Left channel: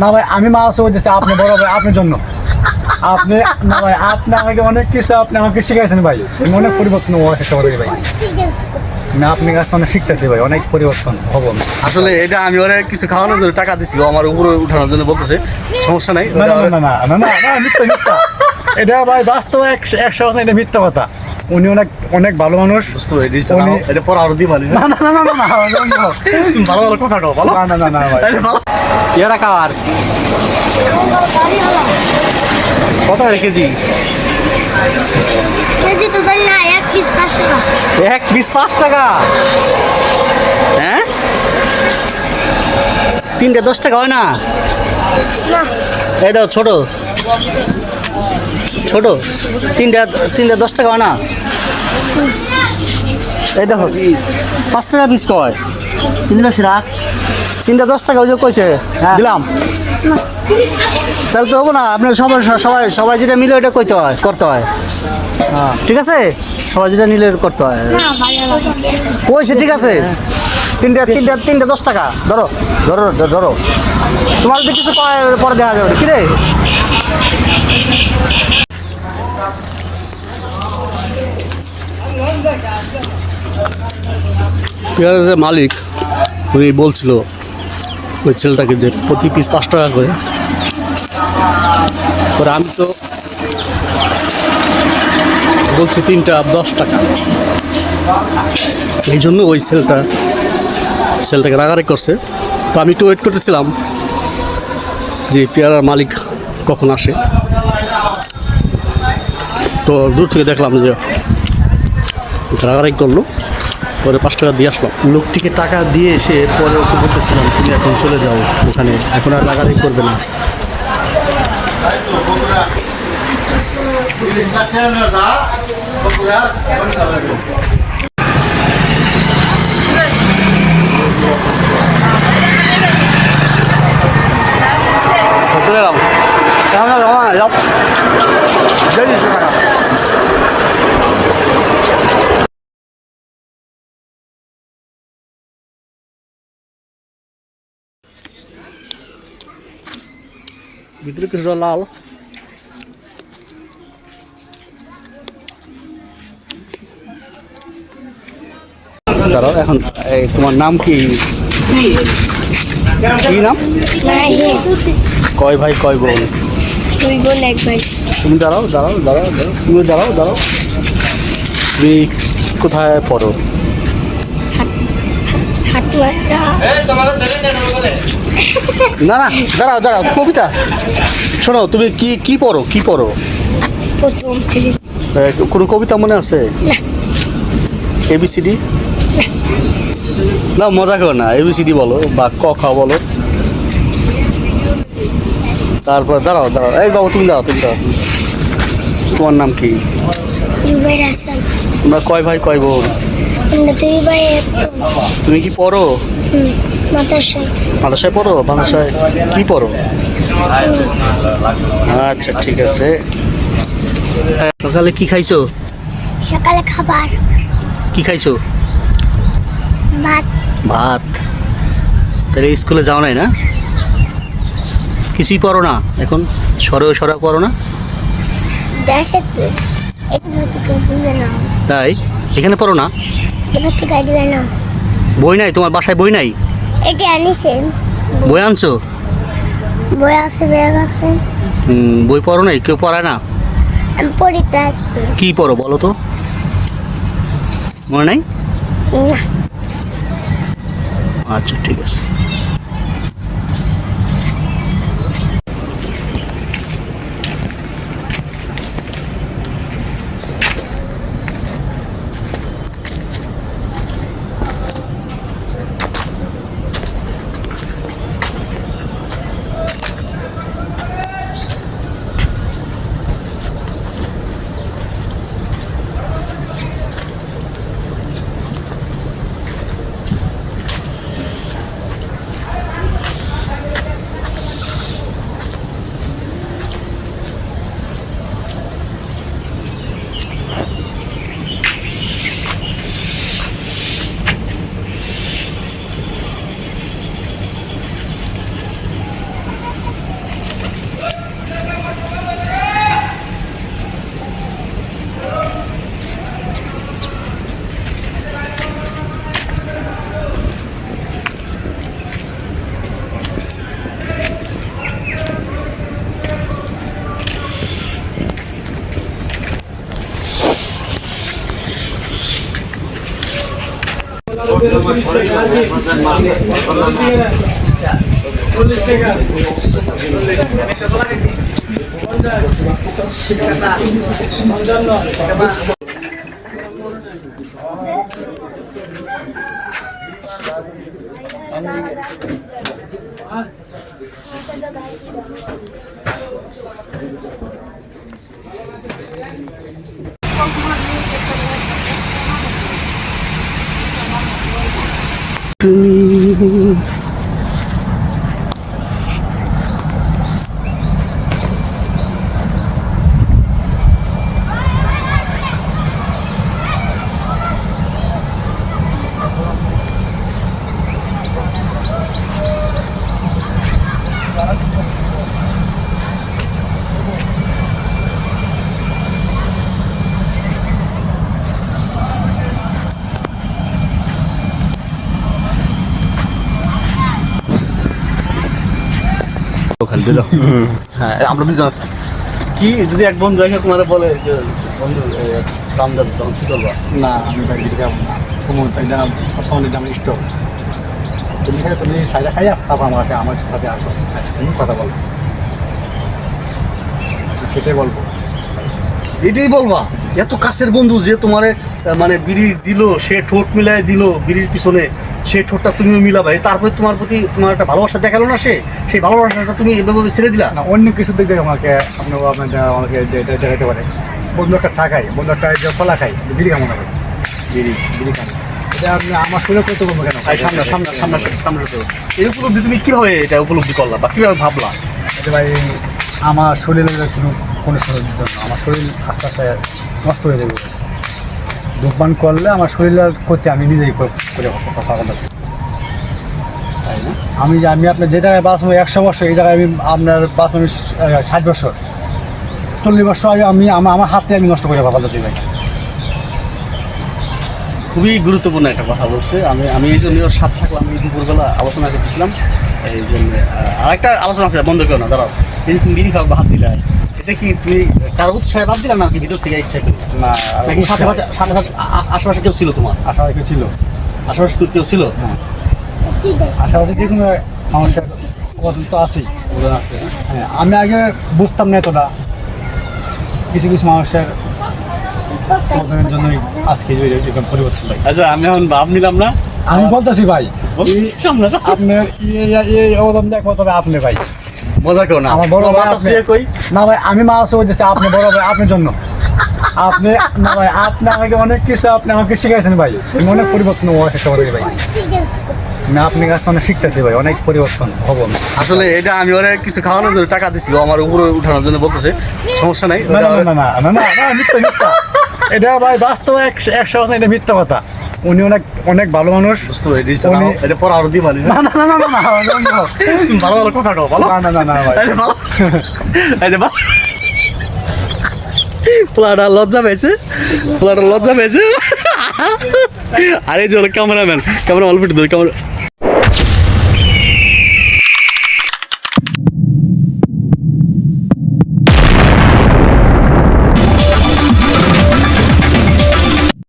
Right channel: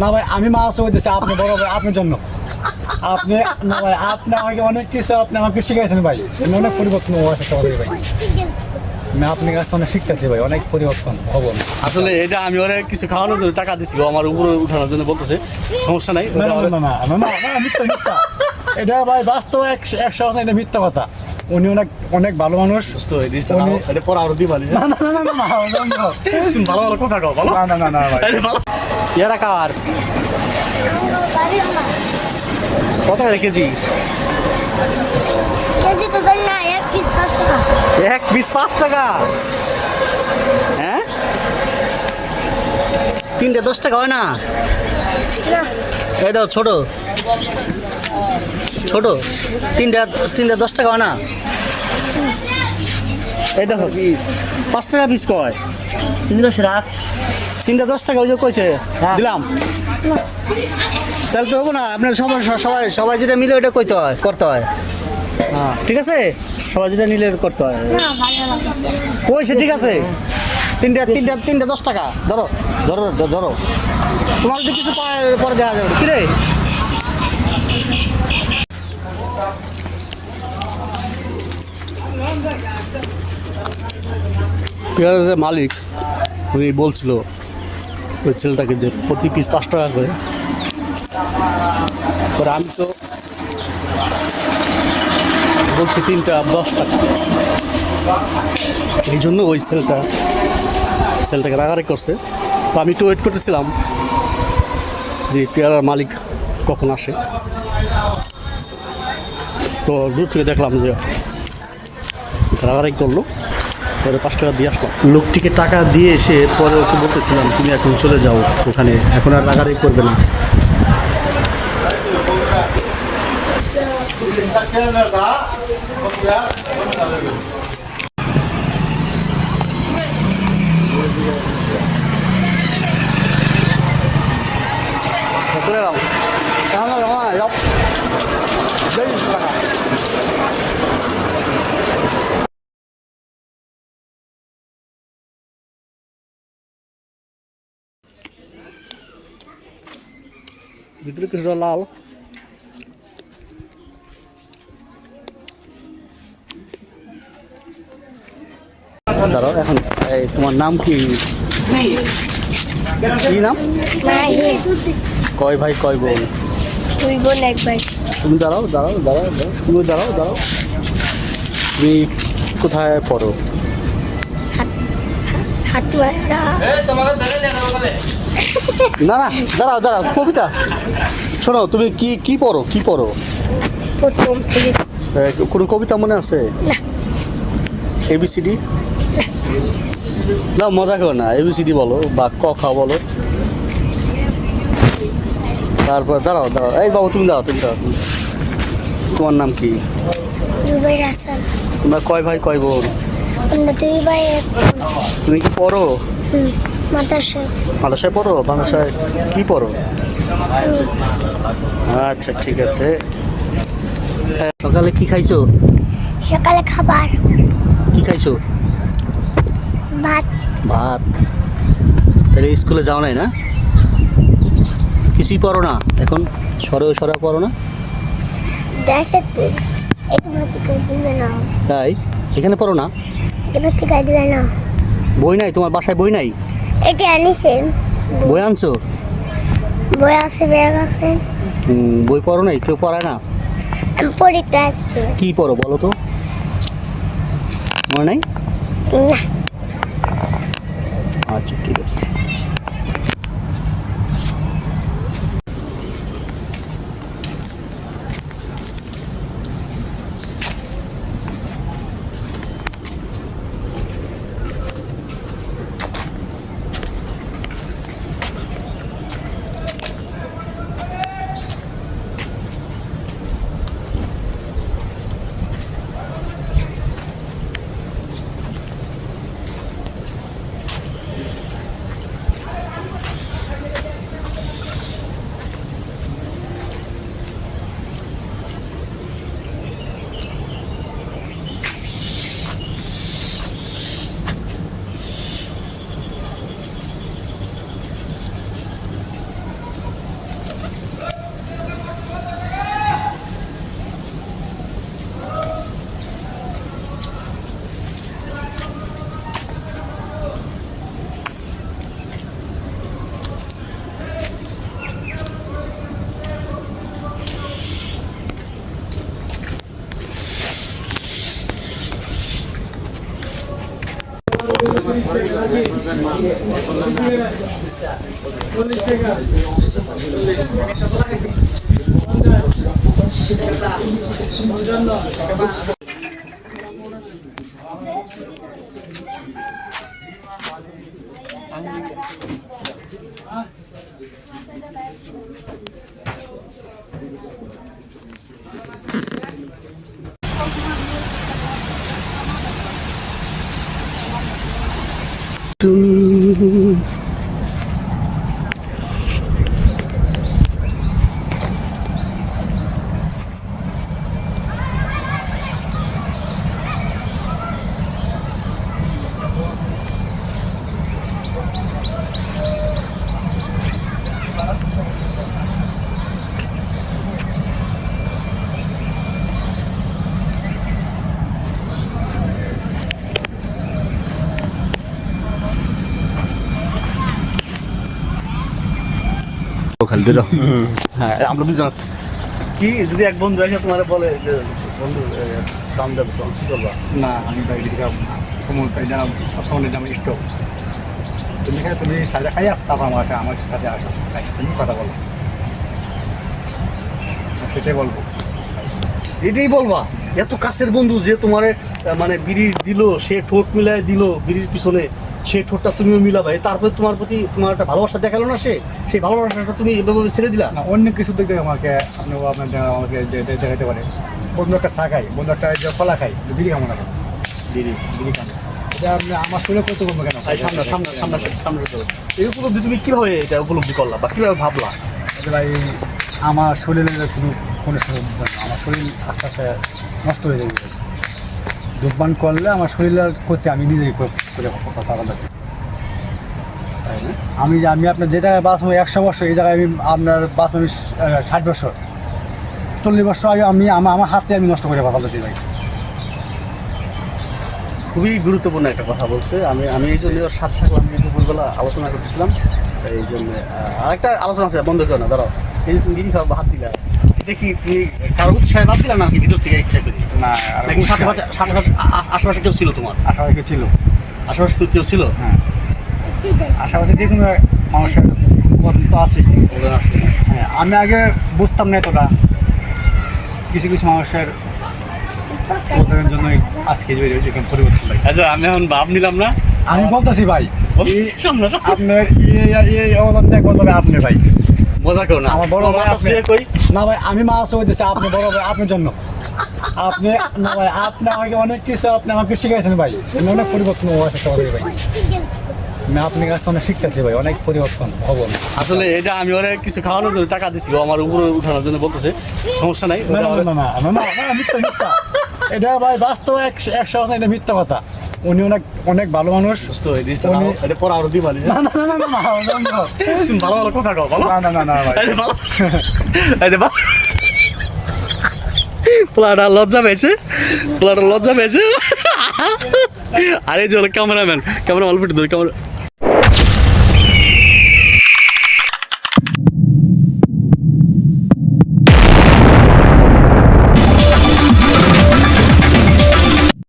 না ভাই আমি মাছ বলতেছি আপনি বড় ভাই আপনার জন্য আপনি না ভাই আপনি আমাকে অনেক কিছু আপনি আমাকে শিখাইছেন ভাই আমি অনেক পরিবর্তন হওয়ার চেষ্টা করি ভাই আমি আপনার কাছে অনেক শিখতেছি ভাই অনেক পরিবর্তন হবো আসলে এটা আমি ওরা কিছু খাওয়ানোর জন্য টাকা দিছি ও আমার উপরে উঠানোর জন্য বলতেছে সমস্যা নাই না না না না না না না মিথ্যা মিথ্যা এটা ভাই বাস্তব 100% এটা মিথ্যা কথা উনি অনেক অনেক ভালো মানুষ বুঝতো এটা পর আরো দিবা না না না না না ভালো ভালো কথা কও ভালো না না না না ভাই ভালো এরা কার কত কেজি কেজি তো জানি না 1 পিস 5 টাকা 1 পিস 5 টাকা হ্যাঁ 3টা 10 টাকা হয় না না এই দাও ছোট ছোট 3টা 10 টাকা হয় না এই দেখো 5 টাকা পিস কয় 3টা 10 টাকা ওই যে কইছে দিলাম তাহলে তো হবো না আপনি সবাই সবাই সবাই যেটা মিলে ওটা করতে হয় হ্যাঁ ঠিক আছে সবাই যেটা নিলে করতে হয় কইছে ঠিক আছে 3টা 10 টাকা ধরো ধরো ধরো তোমার যদি কিছু পরে দেখা যাবে কি রে যে মালিক উনি বলছিল ওই ছেলেটাকে যে প্রতি পিস 5 টাকা করে আমি তো বলছি 3টা 10 টাকা এই জন্য ওই ছেলেটাকে রাগারাগি করছে তো আমি একটু ওয়েট করতেছিলাম যে পেয়ারার মালিক কখন আসে তো দূর থেকে দেখলাম যে রাগারাগি করলো পরে 5 টাকা দিয়ে আসলো লোকটিকে টাকা দিয়ে এসে পরে ওকে বলতেছিলাম তুমি এখন চলে যাও ওখানে এখন আর রাগারাগি করবে না চলে এলাম যাও ভিতরে কিছুটা লাল দাঁড়াও এখন এই তোমার নাম কি কি নাম মাহি কয় ভাই কয় বোন 2 বোন 1 ভাই তুমি দাঁড়াও তুমি দাঁড়াও তুমি কোথায় পড়ো হাটুয়ারা না দাঁড়াও কবিতা শোনো তুমি কি পড়ো প্রথম শ্রেণী কোনো কবিতা মনে আছে না ABCD না মজা করো না ABCD বলো বা ক খ বলো তারপর দাঁড়াও এই বাবু তুমি দাঁড়াও তোমার নাম কি জুবাইর হাসান তোমরা কয় ভাই কয় বোন আমরা 2 ভাই তুমি কি পড়ো মাদ্রাসায় পড়ো মাদ্রাসায় কি পড়ো আচ্ছা ঠিক আছে সকালে কি খাইছো সকালে খাবার কি খাইছো ভাত তাহলে স্কুলে যাও নাই না কিছুই পড়ো না এখন সরেও পড়ো না দেশে এটা দিবে না তাই এখানে পড়ো না এটা থেকে দিবে না বই নাই তোমার বাসায় বই নাই এটা আনিছে বই আনছো বই আছে ব্যাগ আছে বই পড়ো নাই কেউ পড়ায় না আমি পড়িতে কি পড়ো বলো তো মনে নাই না আচ্ছা ঠিক আছে ওখানে দিল হ্যাঁ আমরা দুজন আছি কি যদি এক বন্ধু এসে তোমার বলে যে বন্ধু দাম দাম দাম কি করবা না আমি ভাই বিড়ি খাবো না কুমোর তো এটা বর্তমানে এটা আমার স্টোভ তুমি সাইডে খাইয়া আবার আমার আসে আমার সাথে আসো তুমি কথা বলো সেটাই বলবো। এটাই বলবা এত কাছের বন্ধু যে তোমার মানে বিড়ি দিল সে ঠোঁট মিলায় দিল বিড়ির পিছনে সেই ঠোঁটটা তুমিও মিলাবে তারপরে তোমার প্রতি তোমার একটা ভালোবাসা দেখালো না সেই ভালোবাসাটা তুমি এভাবে ছেড়ে দিলা না অন্য কিছু দিক থেকে আমাকে আমাকে দেখাতে পারে বন্ধু একটা চা খাই বন্ধু একটা যে কলা খাই বিড়ি খাবো না ভাই। বিড়ি খাবো এটা আপনি আমার শুনে করতে বলবো কেন ভাই সামনে সামনে সামনে সামনে এই উপলব্ধি তুমি কিভাবে এটা উপলব্ধি করলা বা কিভাবে ভাবলা যে ভাই আমার শরীরের কোনো শরীরের জন্য আমার শরীর আস্তে আস্তে নষ্ট হয়ে যাবে ধূমপান করলে আমার শরীরের ক্ষতি আমি নিজেই করে কথা আমি আপনার যে জায়গায় বাঁচবো 100 বছর এই জায়গায় আমি আপনার বাঁচবো 60 বছর 40 বছর আগে আমি আমার হাতে আমি নষ্ট করে ভাবতে চাই ভাই। খুবই গুরুত্বপূর্ণ একটা কথা বলছে আমি এই জন্য সাত থাকলাম দুপুরবেলা আলোচনা করতেছিলাম এই জন্য আর একটা আলোচনা আছে বন্ধ করো না দাঁড়াও এই যে তুমি বিড়ি খাও বাদ দিলা এটা কি তুমি কারো উৎসাহে বাদ দিলা না কি ভিতর থেকে ইচ্ছা করে না নাকি সাথে সাথে সাথে সাথে আশেপাশে কেউ ছিল তোমার আশাবাদী ছিল আশেপাশে কেউ ছিল হ্যাঁ আশাবাদী দেখুন মানুষের কদম তো আছে ওদের আছে হ্যাঁ আমি আগে বুঝতাম না এতটা কিছু কিছু মানুষের ওদের জন্যই আজকে এরকম পরিবর্তন ভাই। আচ্ছা আমি এখন ভাব নিলাম না আমি বলতেছি ভাই সামনে আপনার এই অবদান দেখবো তবে আপনি ভাই মজা করো না আমার বড় ভাই মাথা আপনি। শুয়ে কই না ভাই আমি মাছ হইতেছি আপনি বড় ভাই আপনার জন্য আপনি না ভাই আপনি আমাকে অনেক কিছু আপনি আমাকে শিখাইছেন ভাই আমি অনেক পরিবর্তন হওয়ার চেষ্টা করি ভাই আমি আপনার কাছে অনেক শিখতেছি ভাই অনেক পরিবর্তন হবো আমি। আসলে এটা আমি ওরে কিছু খাওয়ানোর জন্য টাকা দিছিল আমার উপরে উঠানোর জন্য বলতেছে সমস্যা নাই না না না না না না না মিথ্যা মিথ্যা এটা ভাই বাস্তব 100% এটা মিথ্যা কথা উনি অনেক অনেক ভালো মানুষ বুঝতে পারি উনি- এটা পরে আরো দিবা না না না না না না ভালো ভালো কথা কও ভালো না না না না ভাই এই যে ভালো এই যে ভালো পোলাটা লজ্জা পেয়েছে আরে যে ক্যামেরাম্যান ক্যামেরা অল্প ধরে ক্যামেরা